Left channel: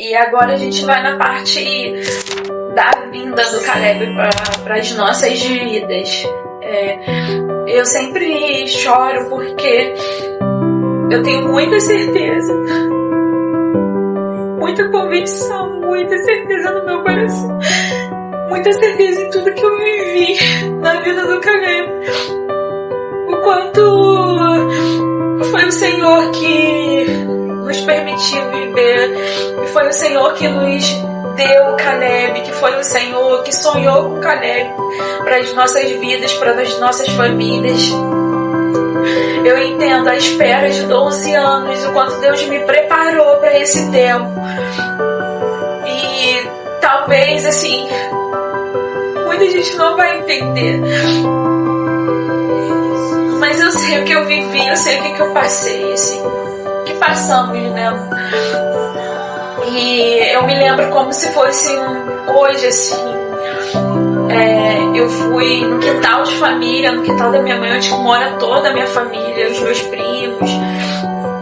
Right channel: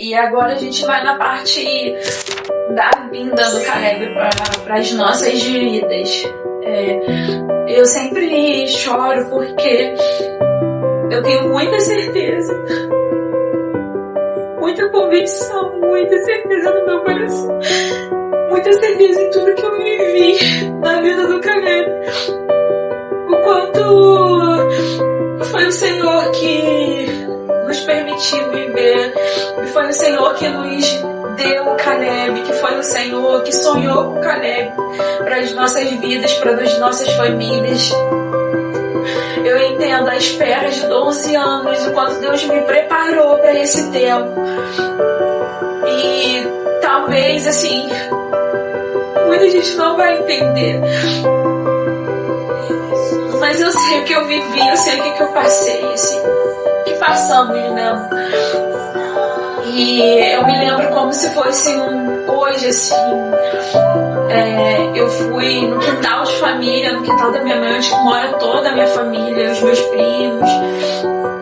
E agora a gente vai na parte da vinda do Caleb para as nossas vidas. Eu sempre choro porque eu tenho muita certeza, muita convicção, muita certeza no meu coração, muita certeza em tudo que eu vivi na vida do Caleb. O quanto foi o Senhor que nos permitiu viver, e foi o Senhor que nos deu o Caleb, que foi o Senhor que sonhou com o Caleb para as nossas vidas, para as nossas famílias. Eu entendo a espera de 12 anos, o quanto Deus me preparou para esse tempo. E talvez, assim, muita gente não vai entender. Mas eu sei o que eu vivi, eu sei o que eu passei, assim, que passamos, né? E eu me lembro como se fosse hoje, assim, eu fui no quintal de família, no quintal da minha mãe, onde mora toda a minha família, os meus primos,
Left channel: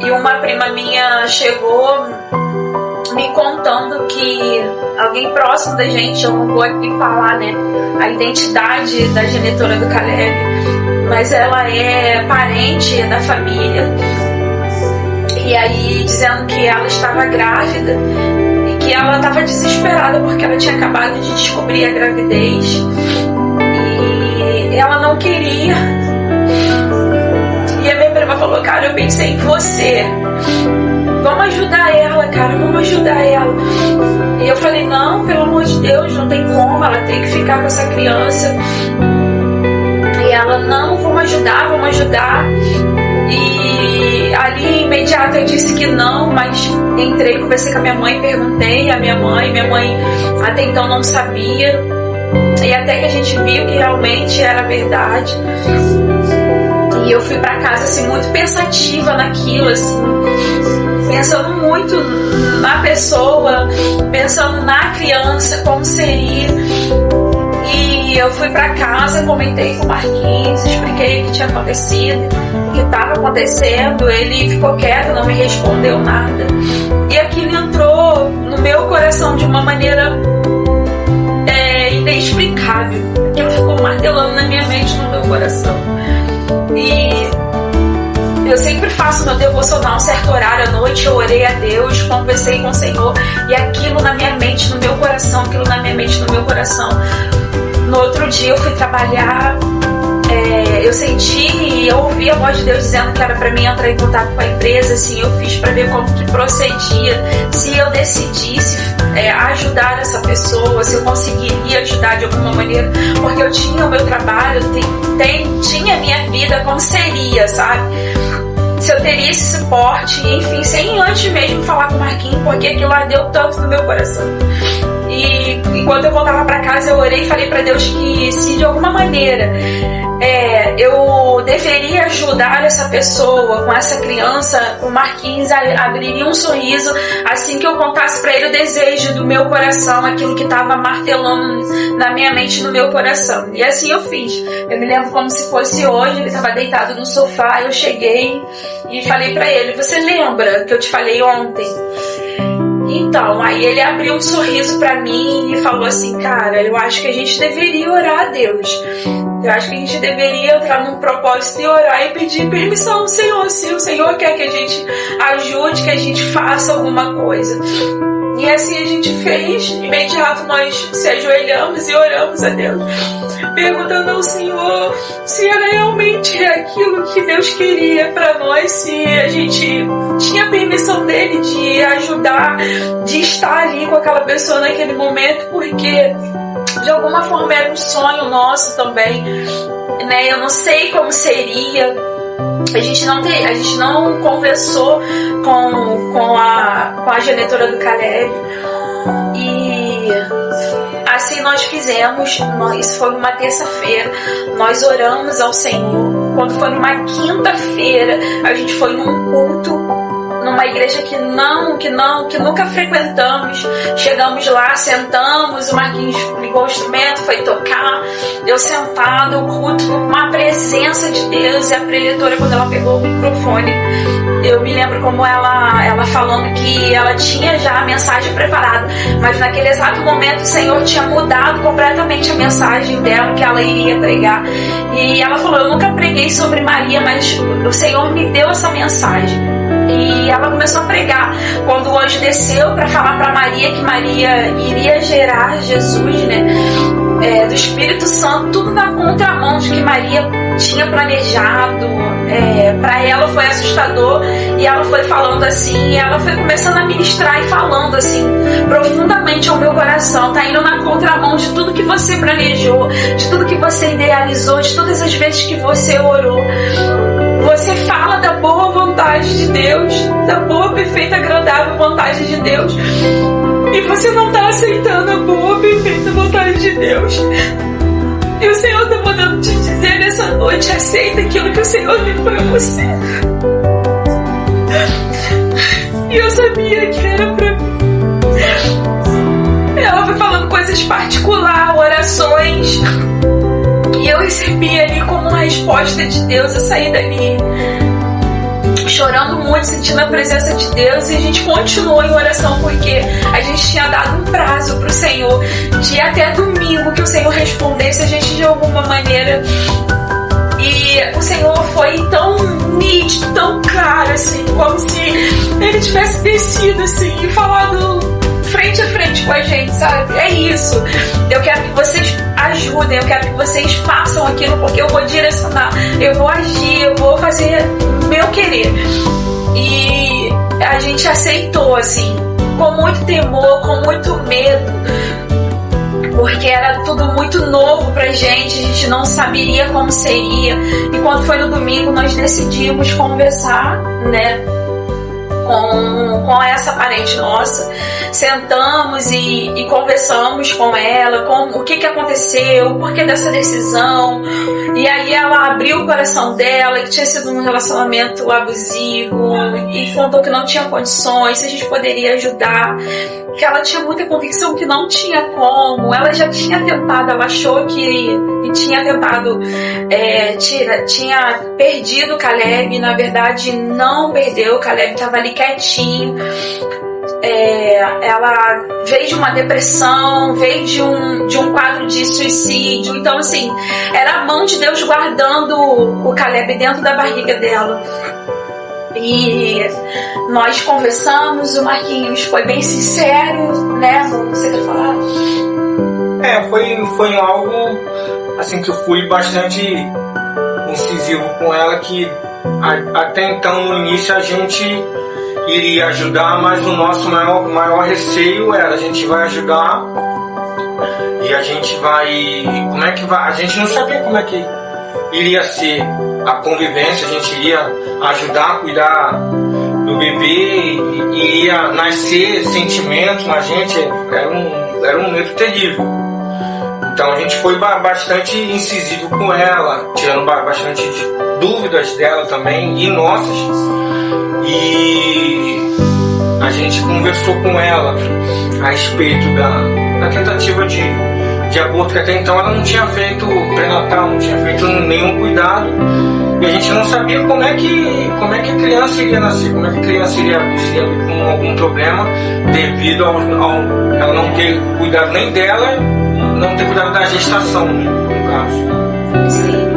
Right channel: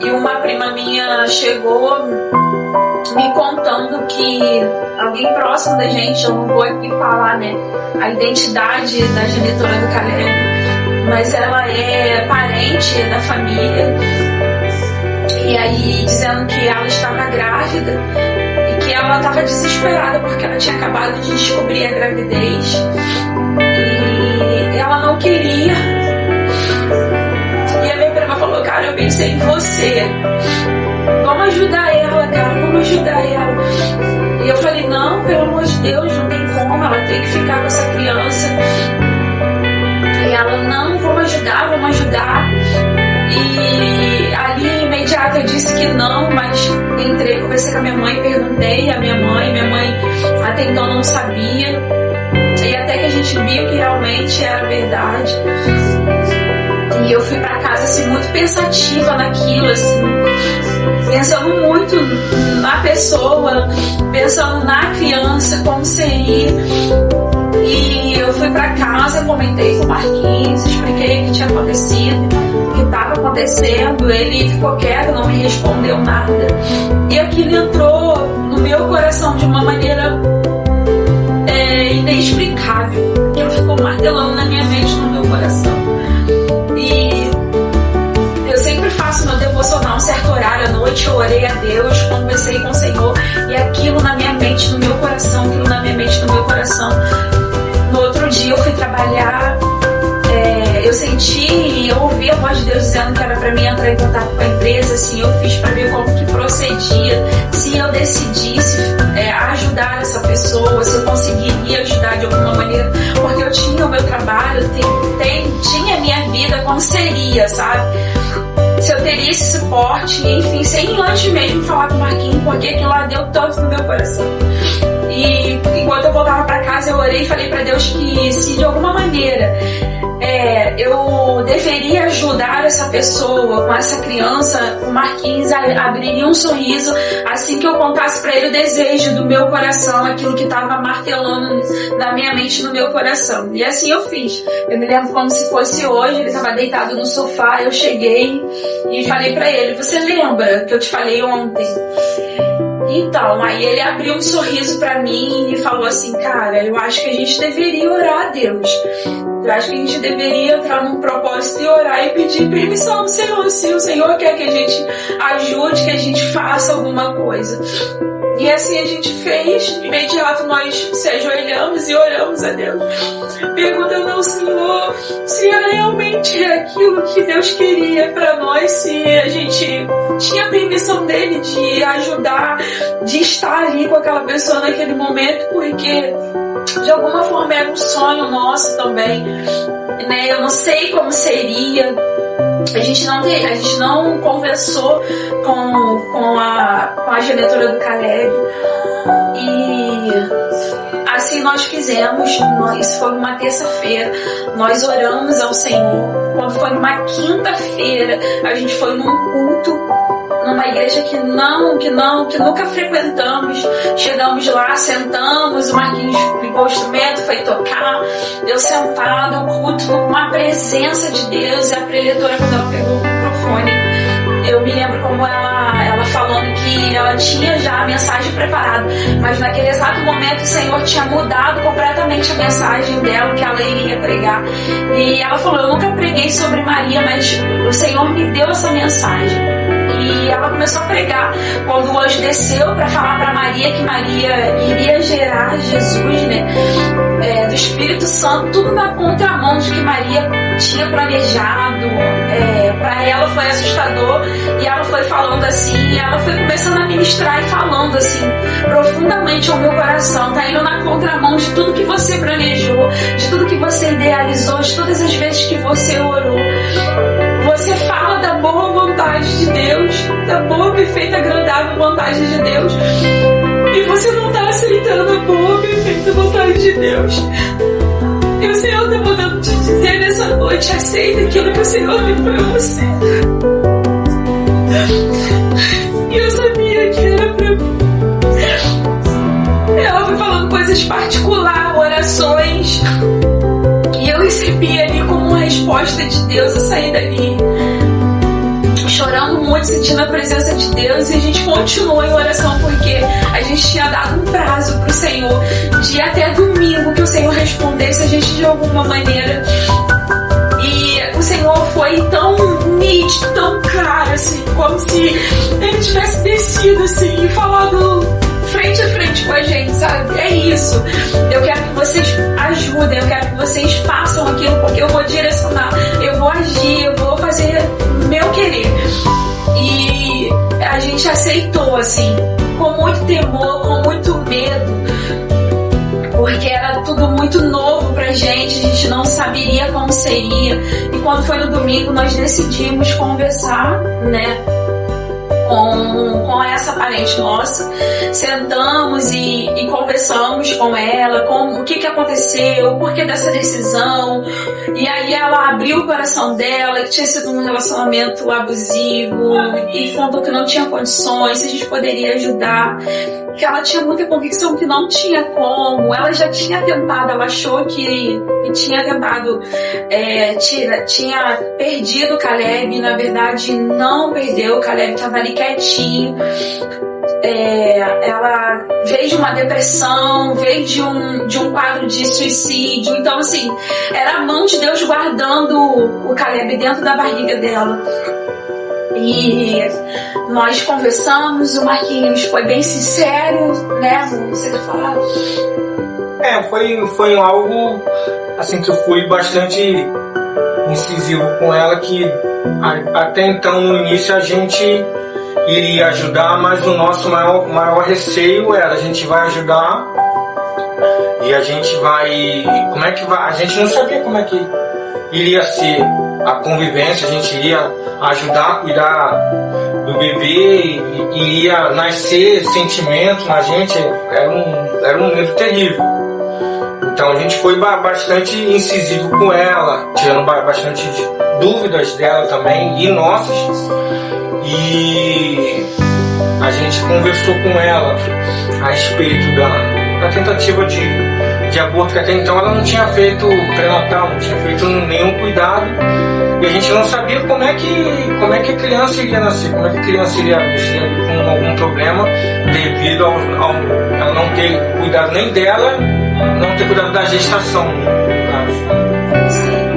e uma prima minha chegou me contando que alguém próximo da gente, eu não vou aqui falar, né, a identidade da genitora do Caleb, mas ela é parente da família, e aí dizendo que ela estava grávida e que ela estava desesperada porque ela tinha acabado de descobrir a gravidez e ela não queria. E a minha prima falou: cara, eu pensei em você, vamos ajudar ela, cara, vamos ajudar ela. E eu falei: não, pelo amor de Deus, não tem como, ela tem que ficar com essa criança. E ela: não, vamos ajudar. E ali imediato eu disse que não, mas entrei, conversei com a minha mãe, perguntei à minha mãe até então não sabia, e até que a gente viu que realmente era verdade. E eu fui pra casa assim muito pensativa naquilo, assim, pensando muito na pessoa, pensando na criança, como seria. E eu fui pra casa, comentei com o Marquinhos, expliquei o que tinha acontecido, o que estava acontecendo. Ele ficou quieto, não me respondeu nada. E aquilo entrou no meu coração de uma maneira inexplicável. Aquilo ficou martelando na minha mente, no meu coração. E eu sempre faço meu devocional um certo horário à noite, eu orei a Deus, conversei com o Senhor, e aquilo na minha mente, no meu coração, No outro dia eu fui trabalhar, eu senti e eu ouvi a voz de Deus dizendo que era para mim entrar em contato com a empresa, assim, eu fiz para ver como que procedia, se eu decidisse ajudar essa pessoa, se eu conseguiria ajudar de alguma maneira, porque eu tinha o meu trabalho, tinha a minha vida, como seria, sabe? Se eu teria esse suporte, enfim, sem antes mesmo falar com o Marquinhos, porque aquilo lá deu tanto no meu coração. E enquanto eu voltava para casa, eu orei e falei para Deus que se de alguma maneira eu deveria ajudar essa pessoa com essa criança, o Marquinhos abriria um sorriso assim que eu contasse para ele o desejo do meu coração, aquilo que estava martelando na minha mente, no meu coração. E assim eu fiz. Eu me lembro como se fosse hoje, ele estava deitado no sofá, eu cheguei e falei para ele: você lembra que eu te falei ontem? Então, aí ele abriu um sorriso pra mim e falou assim: cara, eu acho que a gente deveria orar a Deus. Eu acho que a gente deveria entrar num propósito e orar e pedir permissão ao Senhor. Se o Senhor quer que a gente ajude, que a gente faça alguma coisa. E assim a gente fez. Imediato nós se ajoelhamos e oramos a Deus, perguntando ao Senhor se era realmente aquilo que Deus queria para nós, se a gente tinha permissão dele de ajudar, de estar ali com aquela pessoa naquele momento, porque de alguma forma era um sonho nosso também, né? Eu não sei como seria. A gente não conversou com a genitora do Caleb. E assim nós fizemos. Isso foi uma terça-feira. Nós oramos ao Senhor. Quando foi numa quinta-feira, a gente foi num culto numa igreja que nunca frequentamos. Chegamos lá, sentamos, o Marquinhos ligou o instrumento, foi tocar, eu sentada, o culto, uma presença de Deus. E a preletora, quando ela pegou o microfone, eu me lembro como ela falando que ela tinha já a mensagem preparada, mas naquele exato momento o Senhor tinha mudado completamente a mensagem dela, que ela iria pregar. E ela falou: eu nunca preguei sobre Maria, mas o Senhor me deu essa mensagem. E ela começou a pregar quando o anjo desceu para falar para Maria que Maria iria gerar Jesus, né? Do Espírito Santo, tudo na contramão de que Maria tinha planejado. Para ela foi assustador, e ela foi falando assim, e ela foi começando a ministrar e falando assim profundamente ao meu coração: tá indo na contramão de tudo que você planejou, de tudo que você idealizou, de todas as vezes que você orou. Você fala da boa vontade de Deus, da boa, perfeita, agradável vontade de Deus, e você não está aceitando a boa, perfeita vontade de Deus. E o Senhor está mandando te dizer nessa noite: aceita aquilo que o Senhor tem para você. E eu sabia que era para mim. Ela foi falando coisas particulares, orações, e eu recebi ali como uma resposta de Deus. Eu saí dali chorando muito, sentindo a presença de Deus, e a gente continuou em oração, porque a gente tinha dado um prazo para o Senhor de até domingo que o Senhor respondesse a gente de alguma maneira. E o Senhor foi tão nítido, tão claro, assim, como se Ele tivesse descido assim e falado frente a frente com a gente, sabe? É isso. Eu quero que vocês ajudem, eu quero que vocês façam aquilo, porque eu vou direcionar, eu vou agir, eu vou fazer meu querer. E a gente aceitou, assim, com muito temor, com muito medo, porque era tudo muito novo pra gente, a gente não saberia como seria. E quando foi no domingo, nós decidimos conversar, né, com essa parente nossa. Sentamos e conversamos com ela, com o que aconteceu, o porquê dessa decisão. E aí ela abriu o coração dela, que tinha sido um relacionamento abusivo, e contou que não tinha condições, se a gente poderia ajudar, que ela tinha muita convicção que não tinha como. Ela já tinha tentado, ela achou que tinha tentado, tinha perdido o Caleb, e na verdade não perdeu. O Caleb estava ali quietinho. Ela veio de uma depressão, veio de um quadro de suicídio. Então, assim, era a mão de Deus guardando o Caleb dentro da barriga dela. E nós conversamos, o Marquinhos foi bem sincero, né? Você quer falar? Foi algo assim que eu fui bastante incisivo com ela, que até então no início a gente iria ajudar, mas o nosso maior receio era: a gente vai ajudar e a gente vai... Como é que vai? A gente não sabia como é que iria ser a convivência. A gente iria ajudar a cuidar do bebê e iria nascer sentimento na gente. Era um medo terrível. Então a gente foi bastante incisivo com ela, tirando bastante dúvidas dela também e nossas. E a gente conversou com ela a respeito da tentativa de aborto, que até então ela não tinha feito pré-natal, não tinha feito nenhum cuidado, e a gente não sabia como é que a criança iria nascer, como é que a criança iria vir com algum problema devido ao ela não ter cuidado nem dela, não ter cuidado da gestação, no caso. Sim.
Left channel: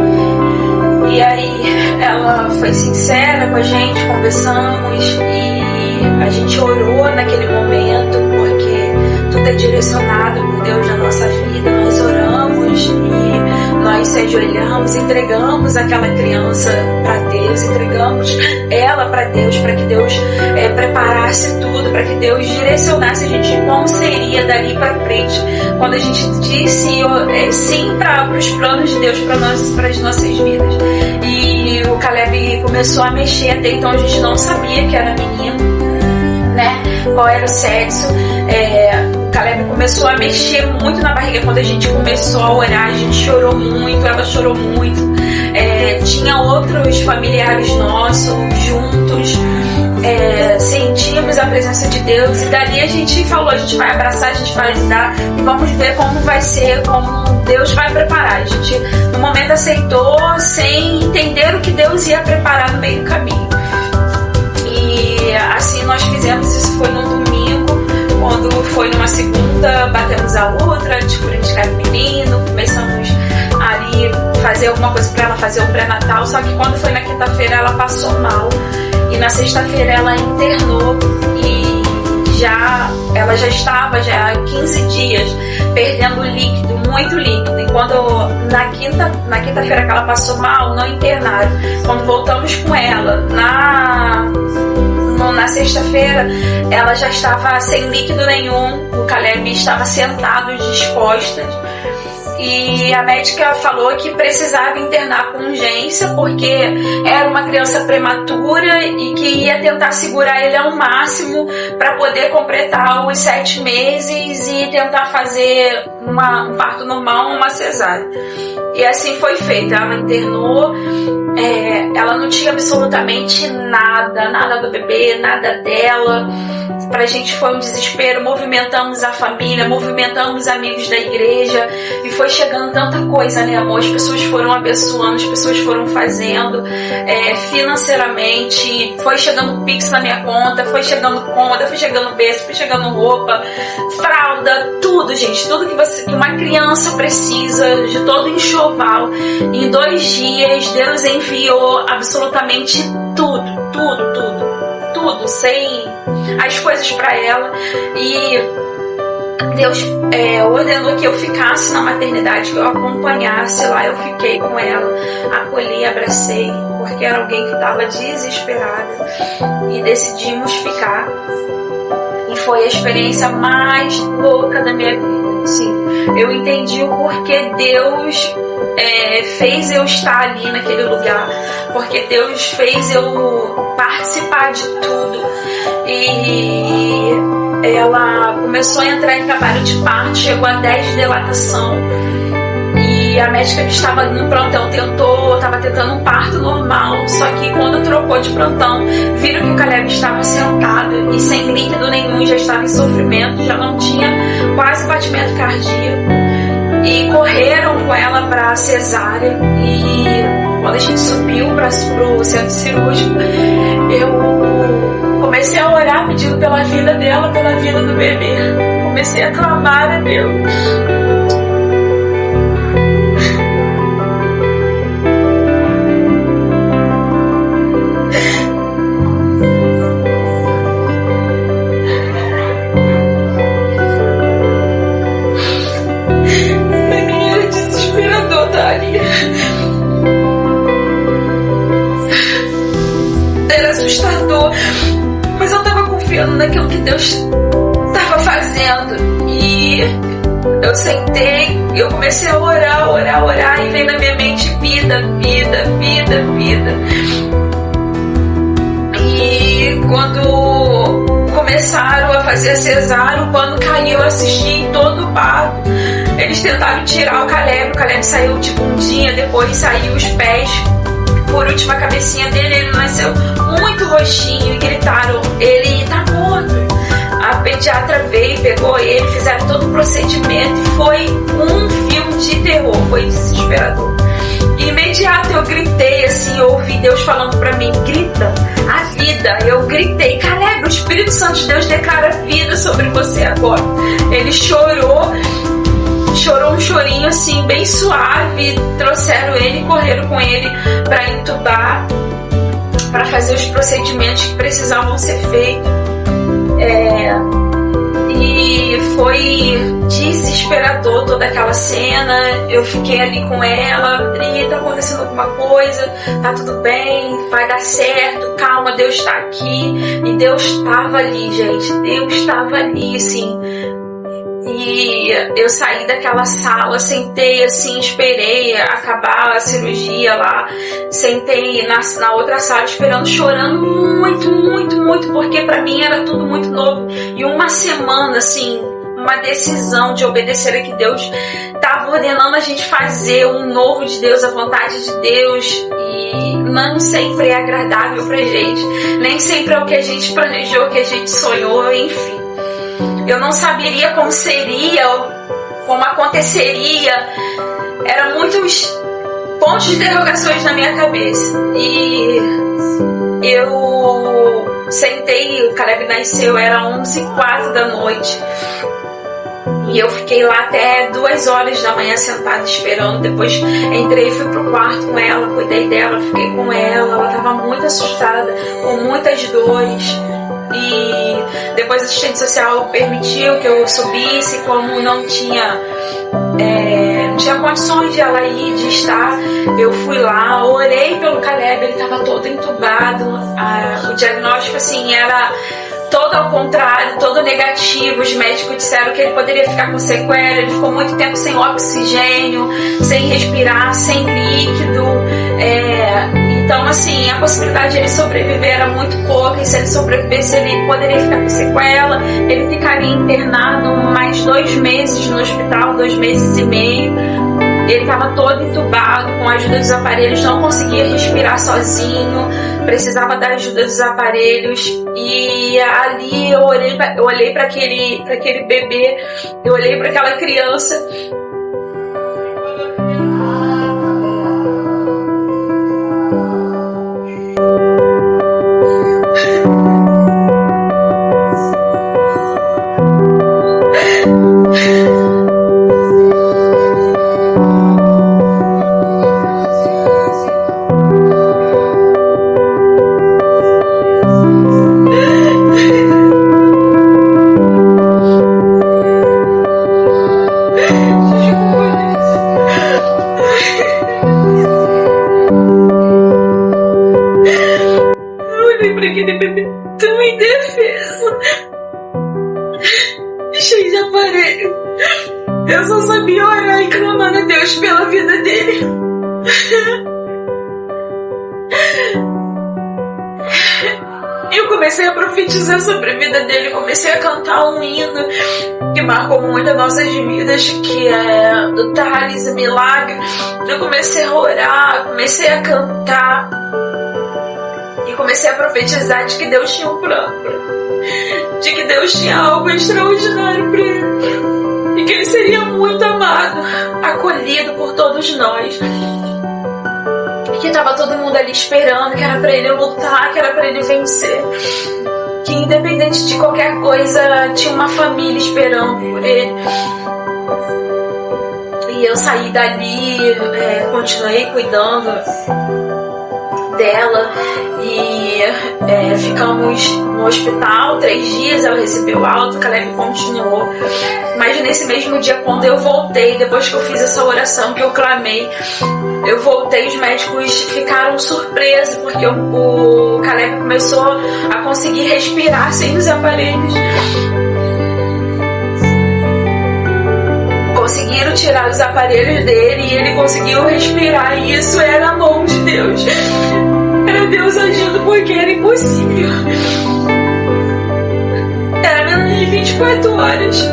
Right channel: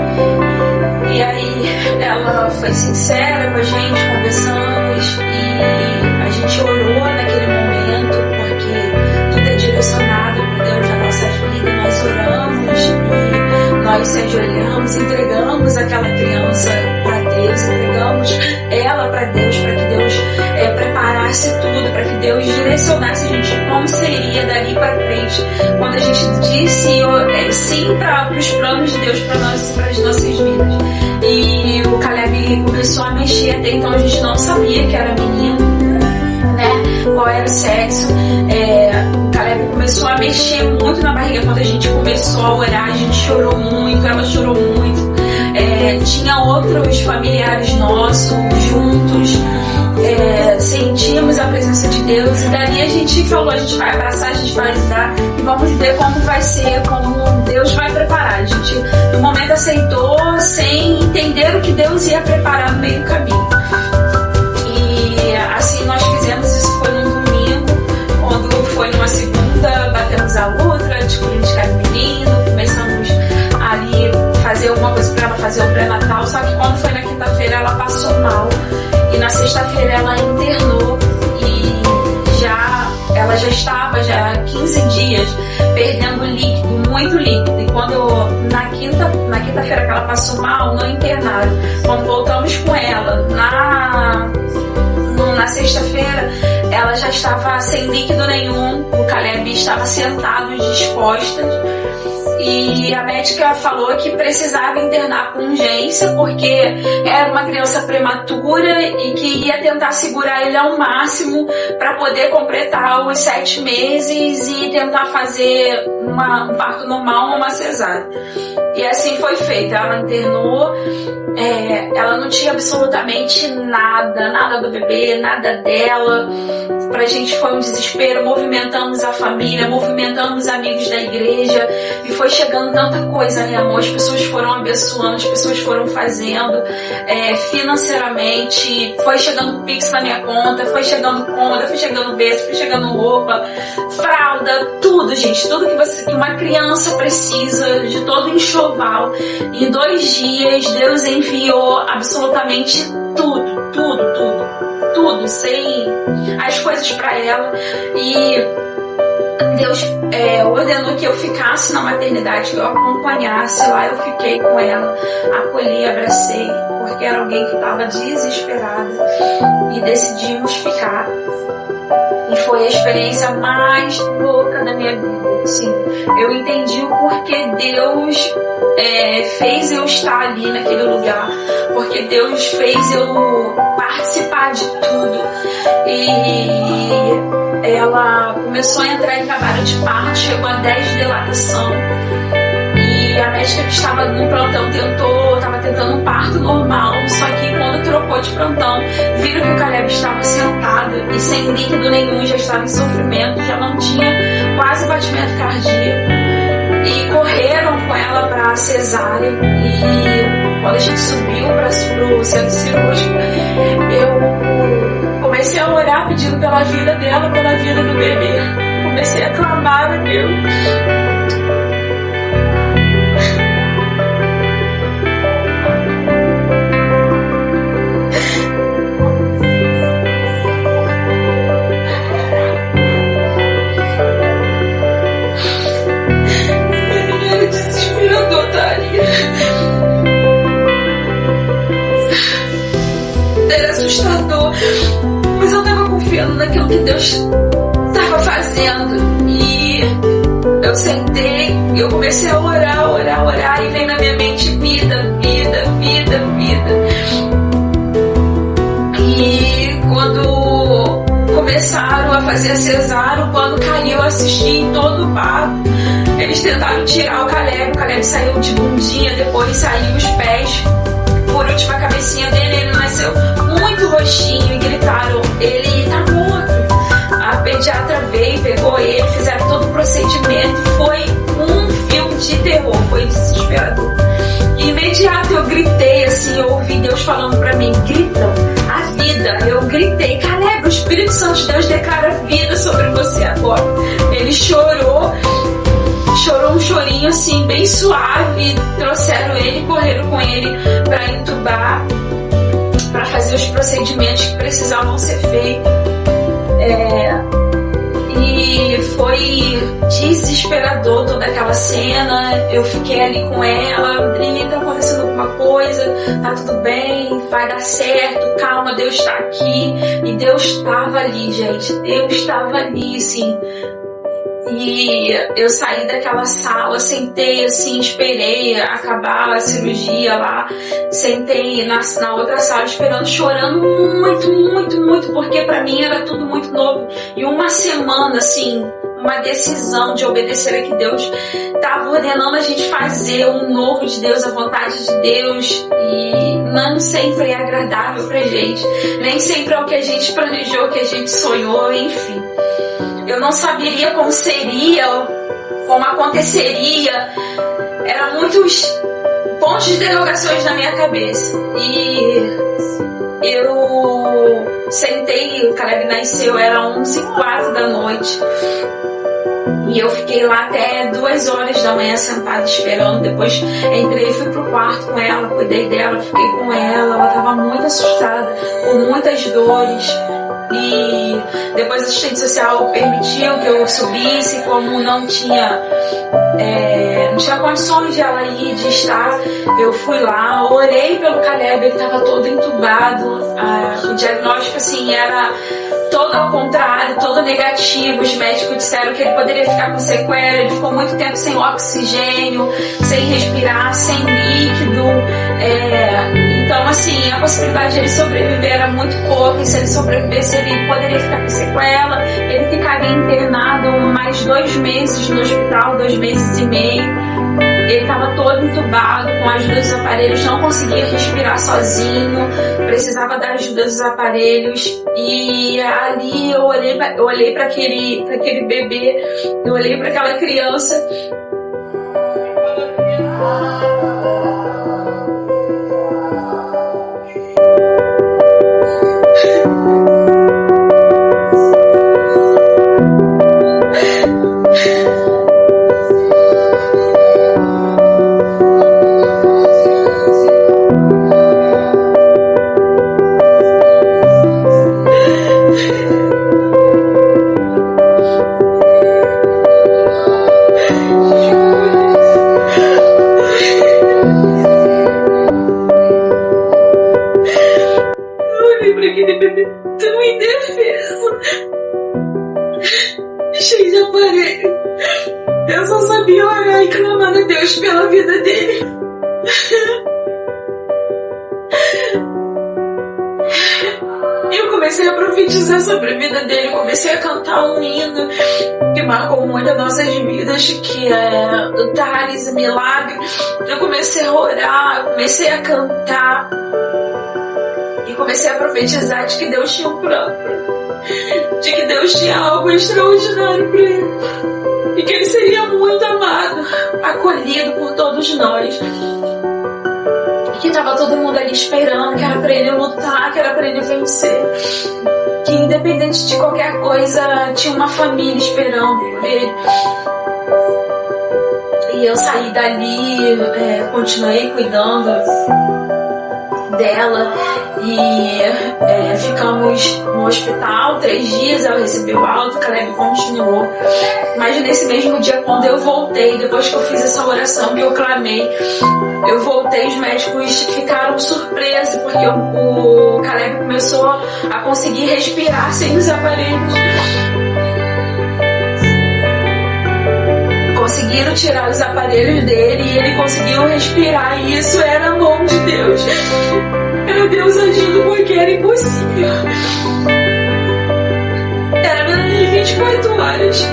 E aí ela foi sincera com a gente, conversamos, e a gente orou naquele momento, porque tudo é direcionado por Deus na nossa vida. Nós oramos e nós se ajoelhamos, entregamos aquela criança para Deus, entregamos ela para Deus, para que Deus preparasse tudo, para que Deus direcionasse a gente como seria dali para frente, quando a gente disse sim para os planos de Deus para as nossas vidas. E o Caleb começou a mexer, até então a gente não sabia que era menino, né? Qual era o sexo. O Caleb começou a mexer muito na barriga. Quando a gente começou a orar, a gente chorou muito, ela chorou muito. Tinha outros familiares nossos juntos. Sentimos a presença de Deus, e dali a gente falou: a gente vai abraçar, a gente vai ajudar, e vamos ver como vai ser, como Deus vai preparar. A gente no momento aceitou, sem entender o que Deus ia preparar no meio do caminho. E assim nós fizemos, isso foi num domingo, quando foi numa segunda, batemos a outra, descobrimos que era menino, começamos ali fazer alguma coisa para ela, fazer o pré-natal, só que quando foi na quinta-feira ela passou mal, e na sexta-feira ela internou, e ela já estava há 15 dias perdendo líquido, muito líquido, e quando na quinta-feira que ela passou mal, não internaram. Quando voltamos com ela na sexta-feira, ela já estava sem líquido nenhum, o Caleb estava sentado de costas, e a médica falou que precisava internar com urgência porque era uma criança prematura e que ia tentar segurar ele ao máximo para poder completar os 7 meses e tentar fazer um parto normal ou uma cesárea. E assim foi feito, ela internou, ela não tinha absolutamente nada do bebê, nada dela. Pra gente foi um desespero, movimentamos a família, movimentamos amigos da igreja, e foi chegando tanta coisa, né, amor? As pessoas foram abençoando, as pessoas foram fazendo financeiramente, foi chegando Pix na minha conta, foi chegando cômoda, foi chegando berço, foi chegando roupa, fralda, tudo, gente, tudo que uma criança precisa, de todo enxoval. Em 2 dias Deus enviou absolutamente tudo, sem as coisas para ela, e Deus ordenou que eu ficasse na maternidade, que eu acompanhasse lá. Eu fiquei com ela, acolhi, abracei, porque era alguém que estava desesperada, e decidimos ficar. E foi a experiência mais louca da minha vida, assim. Eu entendi o porquê Deus fez eu estar ali naquele lugar, porque Deus fez eu participar de tudo. E ela começou a entrar em trabalho de parto, chegou a 10 de dilatação, e a médica que estava no plantão estava tentando um parto normal, só que quando trocou de plantão, viram que o Caleb estava sentado e sem líquido nenhum, já estava em sofrimento, já não tinha quase batimento cardíaco, e correram com ela para a cesárea. E quando a gente subiu para o centro cirúrgico, eu comecei a orar pedindo pela vida dela, pela vida do bebê. Comecei a clamar a Deus. Mas eu tava confiando naquilo que Deus estava fazendo, e eu sentei, eu comecei a orar, e veio na minha mente vida. E quando começaram a fazer a cesárea, o pano caiu, eu assisti em todo o parto. Eles tentaram tirar o Caleb saiu de bundinha, depois saiu os pés, por último a cabecinha dele, ele nasceu muito roxinho, e gritaram, ele tá morto. A pediatra veio, pegou ele, fizeram todo o procedimento, foi um filme de terror, foi desesperador. E imediato eu gritei assim, eu ouvi Deus falando pra mim, grita a vida. Eu gritei, Caleb, o Espírito Santo de Deus declara vida sobre você agora. Ele chorou um chorinho assim, bem suave, trouxeram ele, correram com ele para entubar, para fazer os procedimentos que precisavam ser feitos. E foi desesperador toda aquela cena. Eu fiquei ali com ela, Adri, tá acontecendo alguma coisa, tá tudo bem, vai dar certo, calma, Deus está aqui. E Deus estava ali, gente, Deus estava ali, assim. E eu saí daquela sala, sentei assim, esperei acabar a cirurgia lá, sentei na outra sala esperando, chorando muito, porque pra mim era tudo muito novo. E uma semana, assim, uma decisão de obedecer a que Deus estava ordenando a gente fazer, um novo de Deus, a vontade de Deus, e não sempre é agradável pra gente, nem sempre é o que a gente planejou, o que a gente sonhou, enfim. Eu não saberia como seria, como aconteceria. Eram muitos pontos de interrogações na minha cabeça. E eu sentei, o Caleb nasceu, era 11h04 da noite. E eu fiquei lá até 2 horas da manhã sentada esperando. Depois entrei e fui pro quarto com ela, cuidei dela, fiquei com ela. Ela estava muito assustada, com muitas dores. E depois a assistente social permitiu que eu subisse, como não tinha condições de ela ir, de estar, eu fui lá, orei pelo Caleb, ele estava todo entubado. O diagnóstico assim era todo ao contrário, todo negativo. Os médicos disseram que ele poderia ficar com sequela. Ele ficou muito tempo sem oxigênio, sem respirar, sem líquido. Então, assim, a possibilidade de ele sobreviver era muito pouca. E se ele sobrevivesse, ele poderia ficar com sequela. Ele ficaria internado mais 2 meses no hospital, 2 meses e meio. Ele estava todo entubado, com a ajuda dos aparelhos, não conseguia respirar sozinho, precisava da ajuda dos aparelhos. E ali eu olhei para aquele bebê, eu olhei para aquela criança. Aquele bebê tão indefeso, cheio de aparelho. Eu só sabia orar e clamar a Deus pela vida dele. Eu comecei a profetizar sobre a vida dele, comecei a cantar um hino que marcou muito as nossas vidas, que é do Thales, Milagre. Eu comecei a orar, comecei a cantar. E comecei a profetizar de que Deus tinha um plano para ele, de que Deus tinha algo extraordinário para ele, e que ele seria muito amado, acolhido por todos nós, e que estava todo mundo ali esperando, que era para ele lutar, que era para ele vencer, que independente de qualquer coisa tinha uma família esperando por ele. E eu saí dali, continuei cuidando dela e ficamos no hospital 3 dias. Ela recebeu alta, o Caleb continuou, mas nesse mesmo dia, quando eu voltei, depois que eu fiz essa oração que eu clamei, eu voltei, os médicos ficaram surpresos, porque o Caleb começou a conseguir respirar sem os aparelhos. Conseguiram tirar os aparelhos dele e ele conseguiu respirar, e isso era a mão de Deus. Era Deus agindo, porque era impossível. Era menos de 24 horas.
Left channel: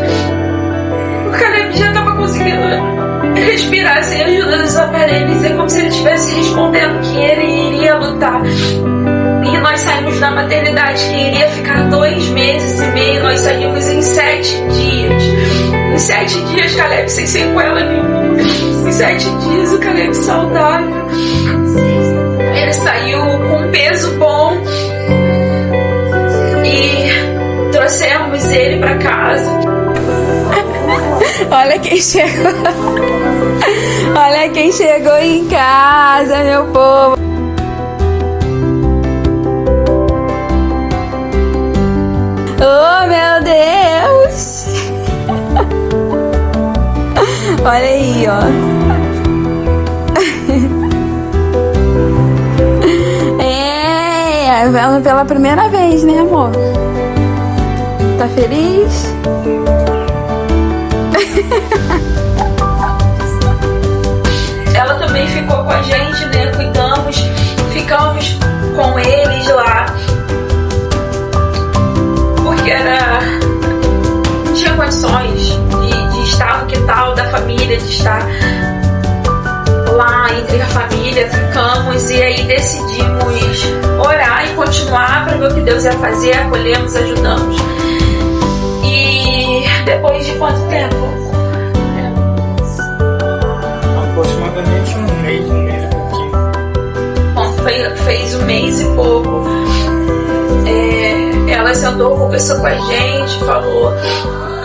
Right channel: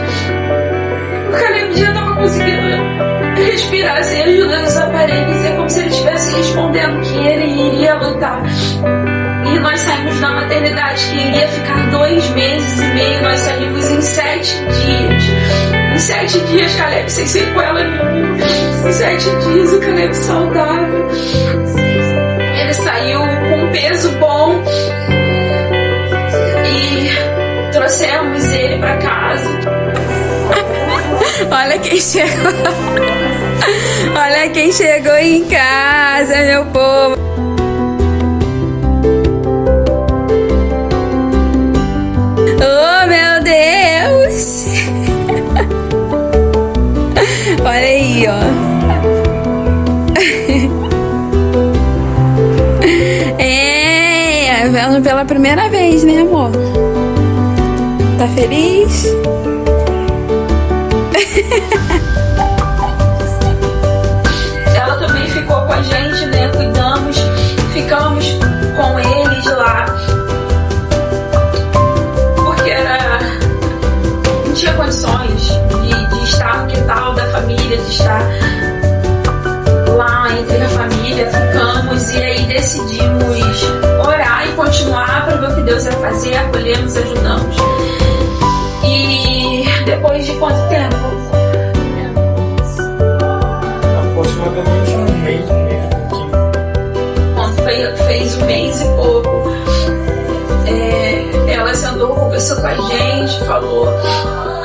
O Caleb já estava conseguindo respirar sem a ajuda dos aparelhos. É como se ele estivesse respondendo que ele iria lutar. E nós saímos da maternidade, que iria ficar 2 meses e meio. Nós saímos em 7 dias. Em 7 dias, Caleb sem sequela nenhuma. Em 7 dias, o Caleb saudável. Ele saiu com peso bom. E trouxemos ele para casa. Olha quem chegou. Olha quem chegou em casa, meu povo. Oh, meu Deus. Olha aí, ó. Vendo pela primeira vez, né, amor? Tá feliz? Ela também ficou com a gente, né? Cuidamos, ficamos com eles lá. Porque não tinha condições de estar no quintal da família, de estar lá entre a família. Ficamos e aí decidimos orar e continuar para ver o que Deus ia fazer. Acolhemos, ajudamos. E depois de quanto tempo? Aproximadamente um mês e pouquinho. Bom, fez 1 mês e pouco. Ela sentou, conversou com a gente, falou:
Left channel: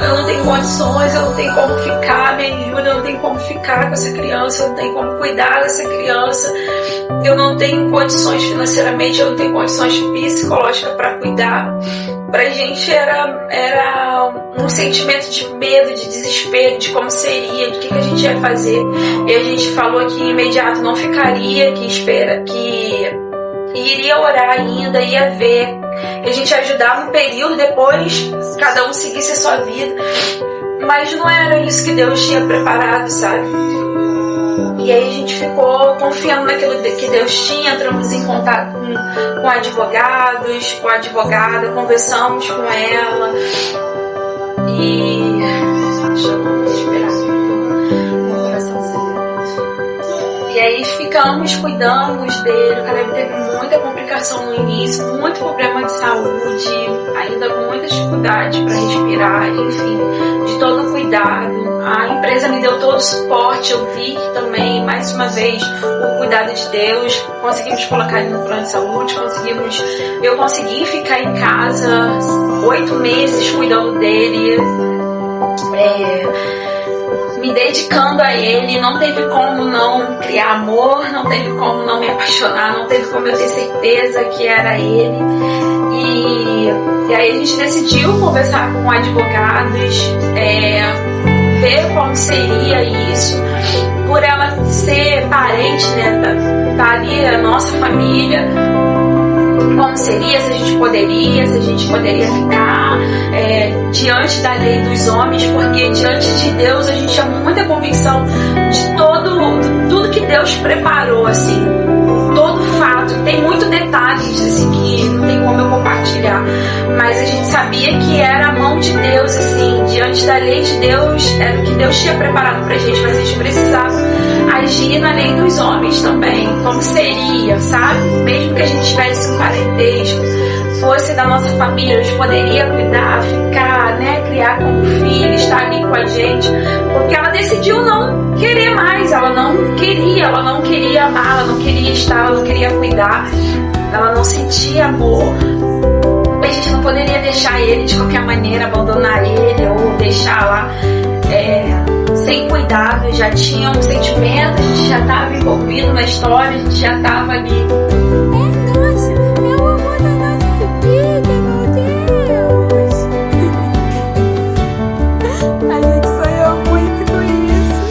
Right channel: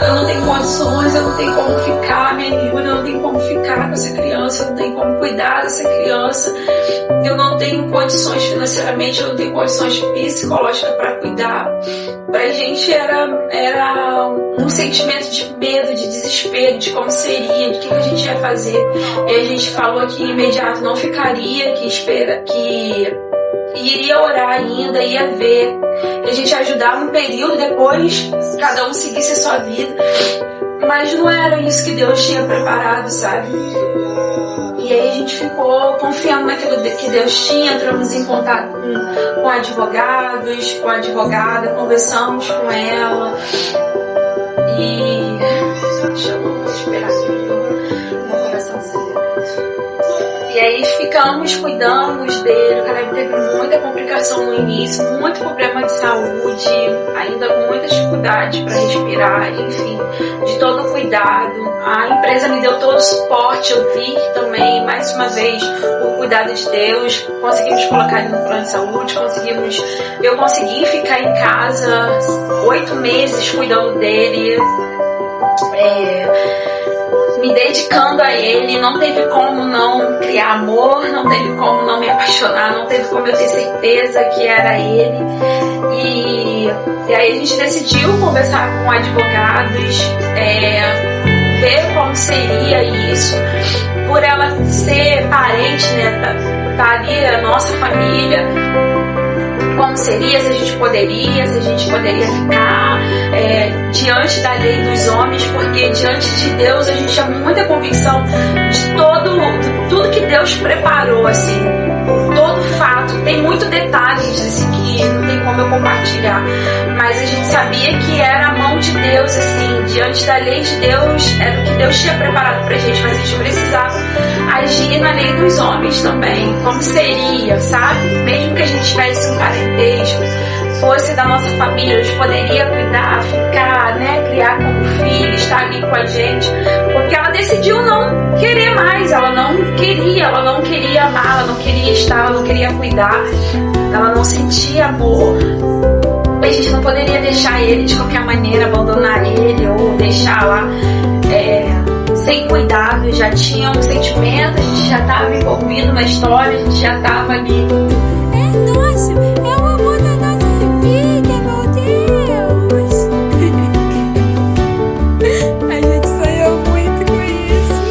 eu não tenho condições, eu não tenho como ficar, me ajuda, eu não tenho como ficar com essa criança, eu não tenho como cuidar dessa criança, eu não tenho condições financeiramente, eu não tenho condições psicológicas para cuidar. Pra gente era um sentimento de medo, de desespero, de como seria, de que a gente ia fazer. E a gente falou que imediato não ficaria, que iria orar ainda, ia ver. A gente ajudava um período, depois cada um seguisse a sua vida. Mas não era isso que Deus tinha preparado, sabe? E aí a gente ficou confiando naquilo que Deus tinha, entramos em contato com advogados, com a advogada, conversamos com ela. E... deixa eu respirar aqui, meu coração acelerado. E aí ficamos, cuidamos dele. O Caleb teve muita complicação no início, muito problema de saúde, ainda com muita dificuldade para respirar, enfim, de todo cuidado. A empresa me deu todo o suporte, eu vi também, mais uma vez, o cuidado de Deus. Conseguimos colocar ele no plano de saúde, eu consegui ficar em casa 8 meses cuidando dele, me dedicando a ele. Não teve como não criar amor, não teve como não me apaixonar, não teve como eu ter certeza que era ele. E aí a gente decidiu conversar com advogados, ver como seria isso, por ela ser parente, né, tá ali a nossa família, como seria, se a gente poderia ficar diante da lei dos homens, porque diante de Deus a gente tinha muita convicção de tudo que Deus preparou, assim, por todo fato. Tem muito detalhes assim, que não tem como eu compartilhar, mas a gente sabia que era a mão de Deus, assim, diante da lei de Deus, era o que Deus tinha preparado pra gente, mas a gente precisava agir na lei dos homens também, como seria, sabe? Mesmo que a gente tivesse um parentesco, fosse da nossa família, a gente poderia cuidar, ficar, né, criar como filho, estar ali com a gente, porque ela decidiu não querer mais, ela não queria amar, ela não queria estar, ela não queria cuidar, ela não sentia amor. A gente não poderia deixar ele de qualquer maneira, abandonar ele ou deixar lá sem cuidado. Já tinha um sentimento, a gente já estava envolvido na história, a gente já estava ali. Nossa, é o amor da nossa vida, meu Deus. A gente sonhou muito com isso.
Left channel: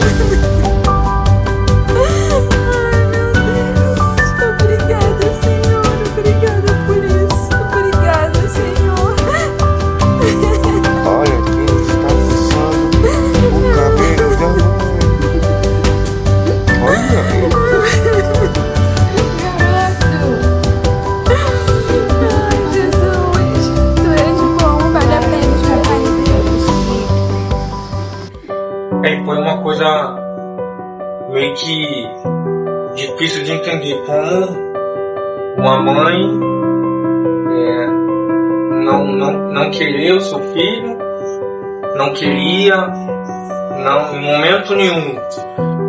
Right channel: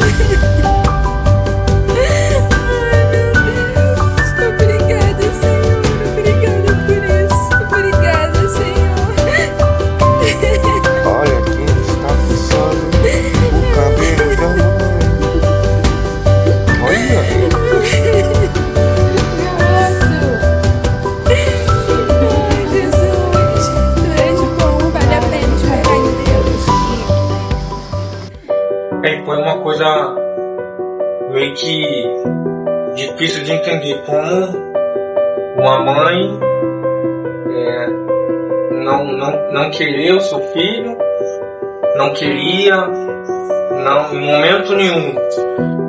Ai, meu Deus. Obrigada, Senhor. Obrigada por isso. Obrigada, Senhor. Olha quem está puxando o cabelo da mãe. Olha aí. Garoto. Ai, Jesus. Tu és bom, vale a pena esperar em Deus. Foi uma coisa meio que difícil de entender, como uma mãe não querer o seu filho, não queria, não, em momento nenhum,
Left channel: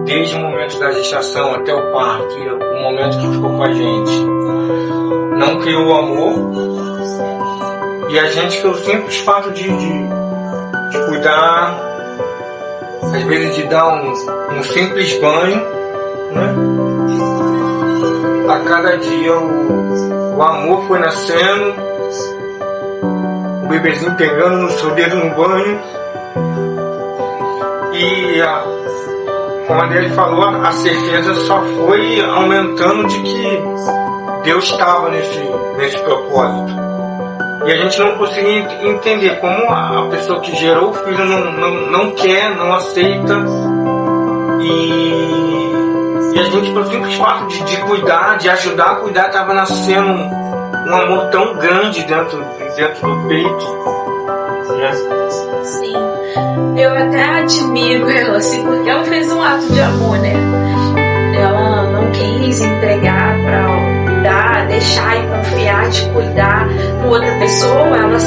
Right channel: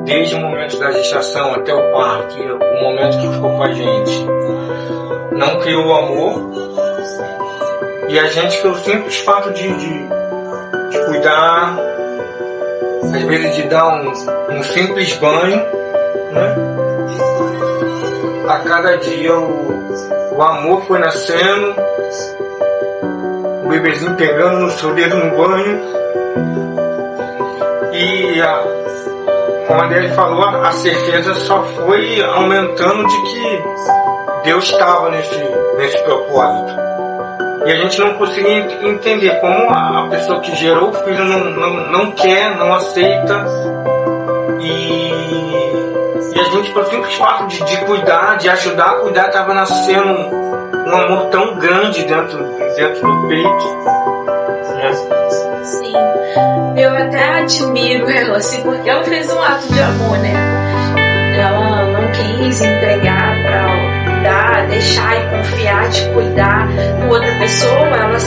desde o momento da gestação até o parto, o momento que ficou com a gente, não criou o amor, e a gente, pelo simples fato de cuidar, às vezes de dar um simples banho, né? A cada dia o amor foi nascendo, o bebezinho pegando no seu dedo no banho, e como a Adele falou, a certeza só foi aumentando de que Deus estava nesse propósito. E a gente não conseguia entender como a pessoa que gerou o filho não quer, não aceita. E a gente, pelo simples fato de cuidar, de ajudar a cuidar, estava nascendo um amor tão grande dentro do peito. Né? Sim, eu até admiro ela, assim, porque ela fez um ato de amor, né? Ela não quis entregar para dar, deixar e confiar, de cuidar com outra pessoa. Ela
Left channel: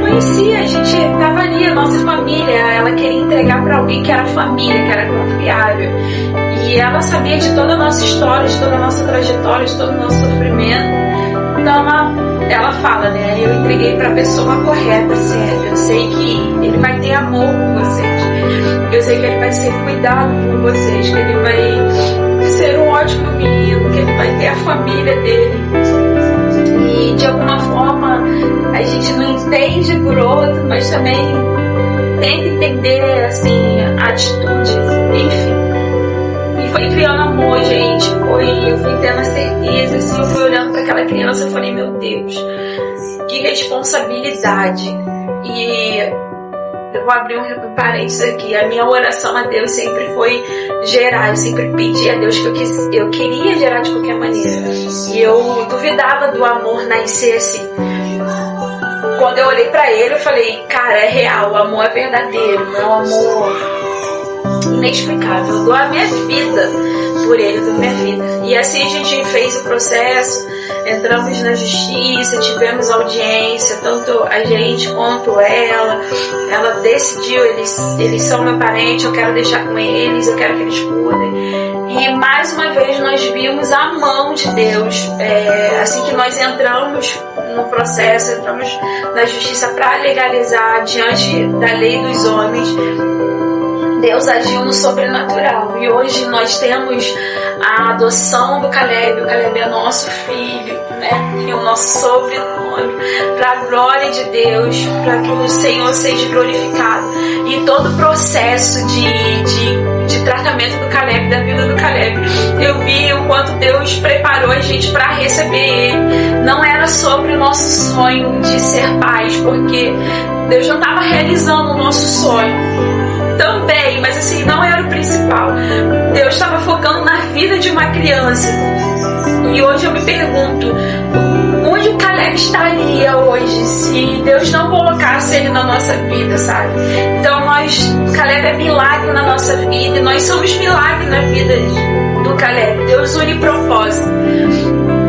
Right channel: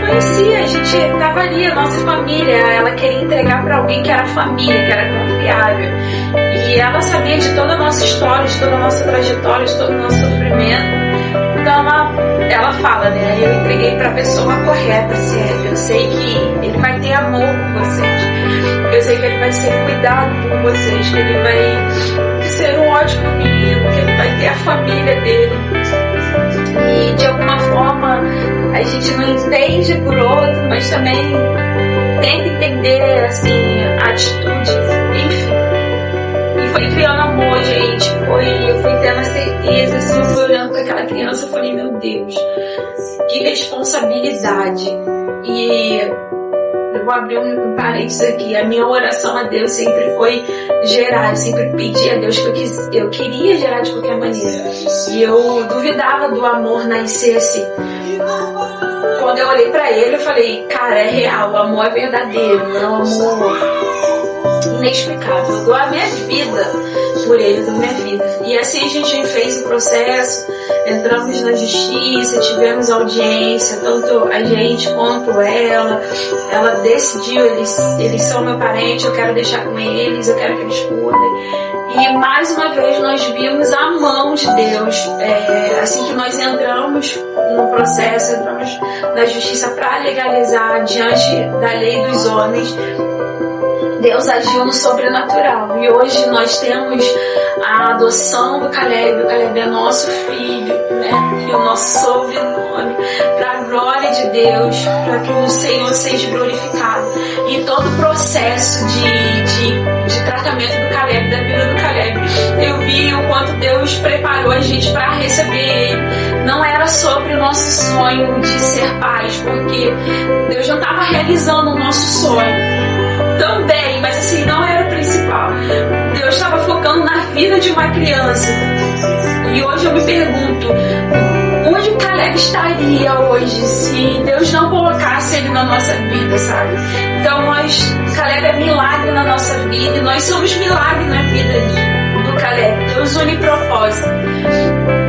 conhecia, a gente estava ali, a nossa família. Ela queria entregar para alguém que era família, que era confiável. E ela sabia de toda a nossa história, de toda a nossa trajetória, de todo o nosso sofrimento. Então ela fala, né? Eu entreguei para a pessoa correta, certa. Eu sei que ele vai ter amor por vocês. Eu sei que ele vai ser cuidado por vocês, que ele vai ser um ótimo menino, que ele vai ter a família dele. E de alguma forma a gente não entende por outro, mas também tenta entender assim, a atitude, enfim. E foi criando amor, gente. Eu fui tendo a certeza, assim, eu fui olhando para aquela criança e falei, meu Deus, que responsabilidade. E eu vou abrir um parênteses aqui. A minha oração a Deus sempre foi gerar. Eu sempre pedi a Deus que eu queria gerar de qualquer maneira. E eu duvidava do amor nascer assim. Quando eu olhei pra ele, eu falei, cara, é real, o amor é verdadeiro, não é um amor inexplicável. Eu dou a minha vida por ele, eu dou a minha vida. E assim a gente fez o processo, entramos na justiça, tivemos audiência, tanto a gente quanto ela. Ela decidiu, eles são meu parente, eu quero deixar com eles, eu quero que eles cuidem. E mais uma vez nós vimos a mão de Deus. Assim que nós entramos no processo, entramos na justiça para legalizar diante da lei dos homens, Deus agiu no sobrenatural. E hoje nós temos a adoção do Caleb. O Caleb é nosso filho, né? E o nosso sobrenome, para a glória de Deus, para que o Senhor seja glorificado. E todo o processo de tratamento do Caleb, da vida do Caleb, eu vi o quanto Deus preparou a gente para receber ele. Não era sobre o nosso sonho de ser pais, porque Deus não estava realizando o nosso sonho também, mas assim, não era o principal. Deus estava focando na vida de uma criança. E hoje eu me pergunto, onde o Caleb estaria hoje se Deus não colocasse ele na nossa vida, sabe? Então Caleb é milagre na nossa vida e nós somos milagre na vida do Caleb. Deus une propósito.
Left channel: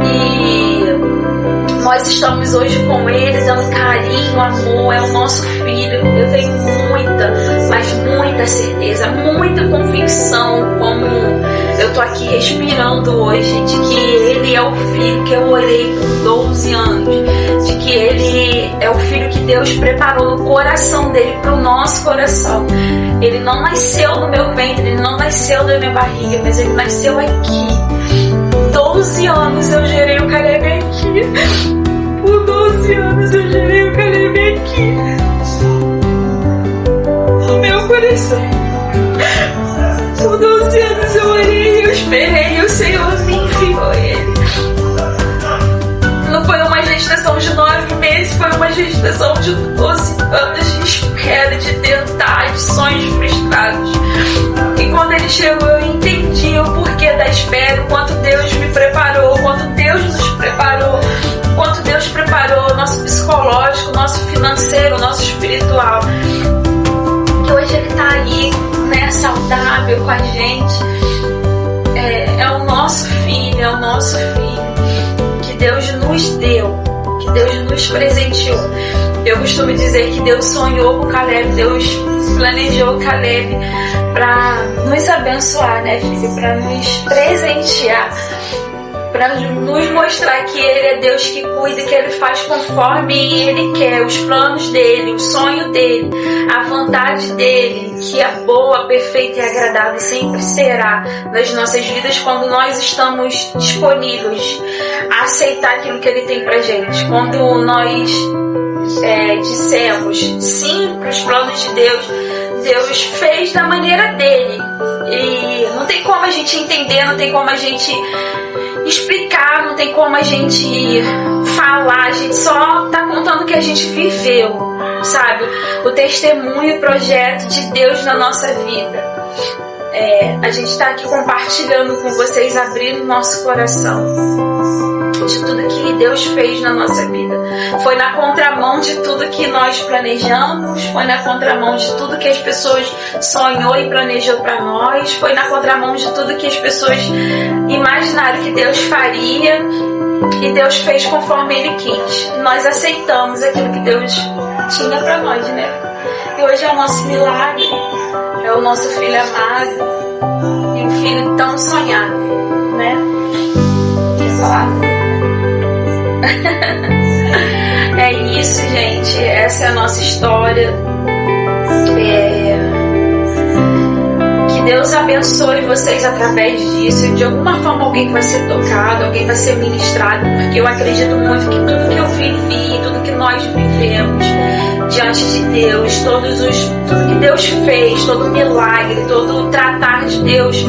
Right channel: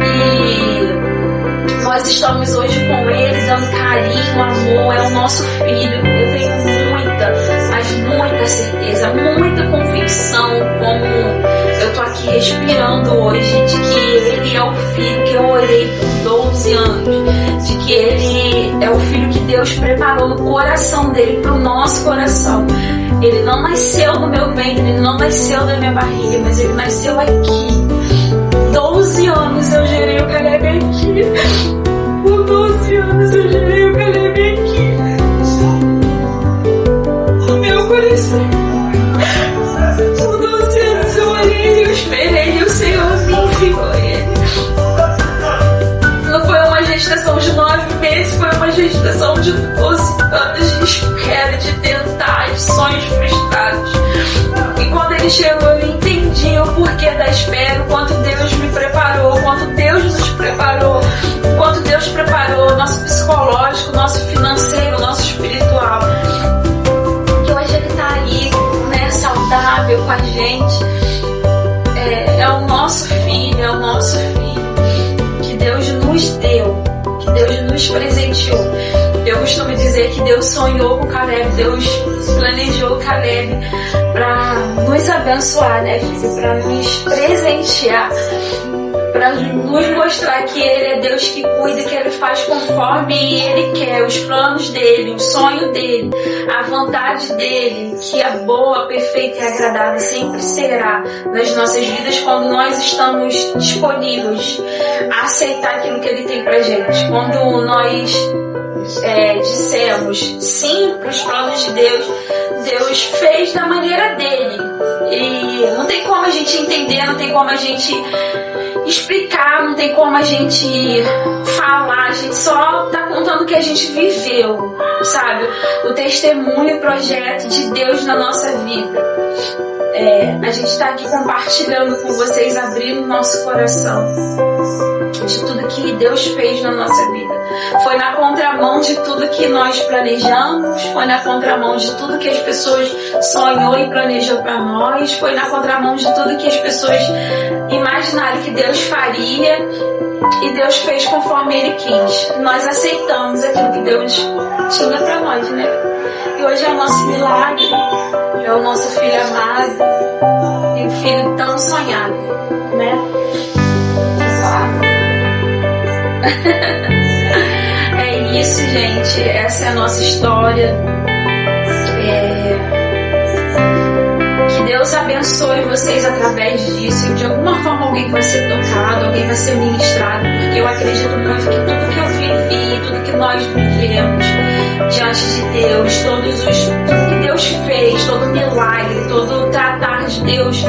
E nós estamos hoje com ele, dando carinho, amor, é o nosso filho. Eu tenho mas muita certeza, muita convicção, como eu tô aqui respirando hoje, de que ele é o filho que eu orei por 12 anos, de que ele é o filho que Deus preparou no coração dele, para o nosso coração. Ele não nasceu no meu ventre, ele não nasceu da minha barriga, mas ele nasceu aqui. 12 anos eu gerei o Caleb aqui. Por 12 anos eu gerei o Caleb aqui. Por 12 anos eu orei, eu esperei, e o Senhor me enviou ele. Não foi uma gestação de 9 meses, foi uma gestação de 12 anos de espera, de tentar, de sonhos frustrados. E quando ele chegou, eu entendi o porquê da espera, o quanto Deus me preparou, o quanto Deus nos preparou, o quanto Deus preparou o nosso psicológico, o nosso financeiro, o nosso espiritual. Hoje ele está aí, né, saudável com a gente. É o nosso filho, é o nosso filho que Deus nos deu, que Deus nos presenteou. Eu costumo dizer que Deus sonhou com o Caleb, Deus planejou o Caleb para nos abençoar, né, filho? Para nos presentear, para nos mostrar que Ele é Deus que cuida, que Ele faz conforme Ele quer, os planos dEle, o sonho dEle, a vontade dEle, que é boa, perfeita e agradável, sempre será nas nossas vidas quando nós estamos disponíveis a aceitar aquilo que Ele tem pra gente. Quando nós dissemos sim para os planos de Deus, Deus fez da maneira dEle. E não tem como a gente entender, não tem como a gente explicar, não tem como a gente falar, a gente só tá contando o que a gente viveu, sabe? O testemunho, o projeto de Deus na nossa vida. A gente tá aqui compartilhando com vocês, abrindo nosso coração de tudo que Deus fez na nossa vida. Foi na contramão de tudo que nós planejamos, foi na contramão de tudo que as pessoas sonhou e planejou para nós, foi na contramão de tudo que as pessoas imaginaram que Deus faria, e Deus fez conforme Ele quis. Nós aceitamos aquilo que Deus tinha para nós, né? E hoje é o nosso milagre, é o nosso filho amado, e um filho tão sonhado, né? É isso, gente. Essa é a nossa história. Que Deus abençoe vocês através disso. De alguma forma alguém vai ser tocado, alguém vai ser ministrado, porque eu acredito muito que tudo que eu vivi, tudo que nós vivemos diante de Deus, tudo que Deus fez, todo milagre, todo tratar de Deus,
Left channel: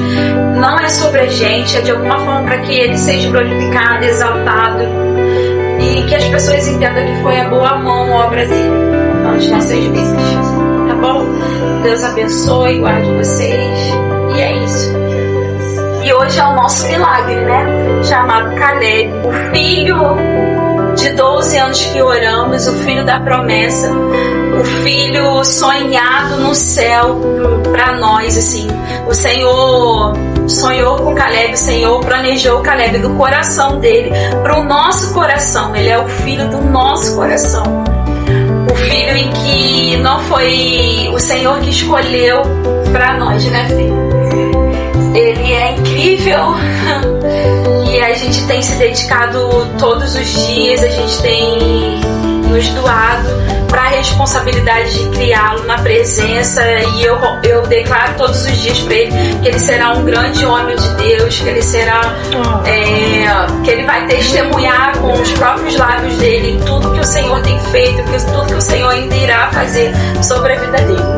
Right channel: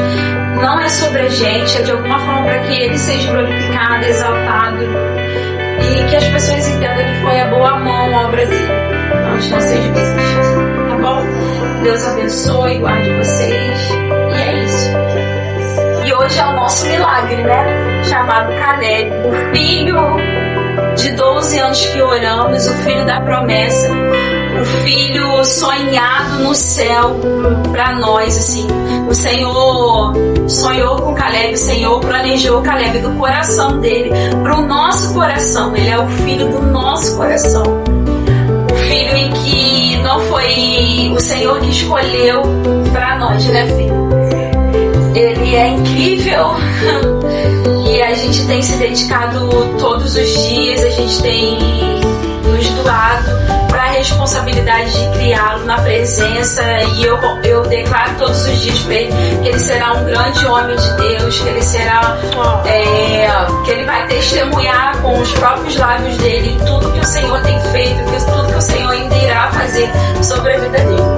não é sobre a gente, é de alguma forma para que Ele seja glorificado, exaltado, e que as pessoas entendam que foi a boa mão, a obra dele, não de nossas vidas. Tá bom? Deus abençoe, guarde vocês. E é isso. E hoje é o nosso milagre, né? Chamado Caleb, o filho de 12 anos que oramos, o filho da promessa, o filho sonhado no céu para nós, assim. O Senhor sonhou com Caleb, o Senhor planejou Caleb do coração dele para o nosso coração. Ele é o filho do nosso coração. O filho em que não foi o Senhor que escolheu para nós, né, filho? Ele é incrível. E a gente tem se dedicado todos os dias, a gente tem nos doado para a responsabilidade de criá-lo na presença, e eu declaro todos os dias para ele que ele será um grande homem de Deus, que ele será que ele vai testemunhar com os próprios lábios dele tudo que o Senhor tem feito, tudo que o Senhor ainda irá fazer sobre a vida dele.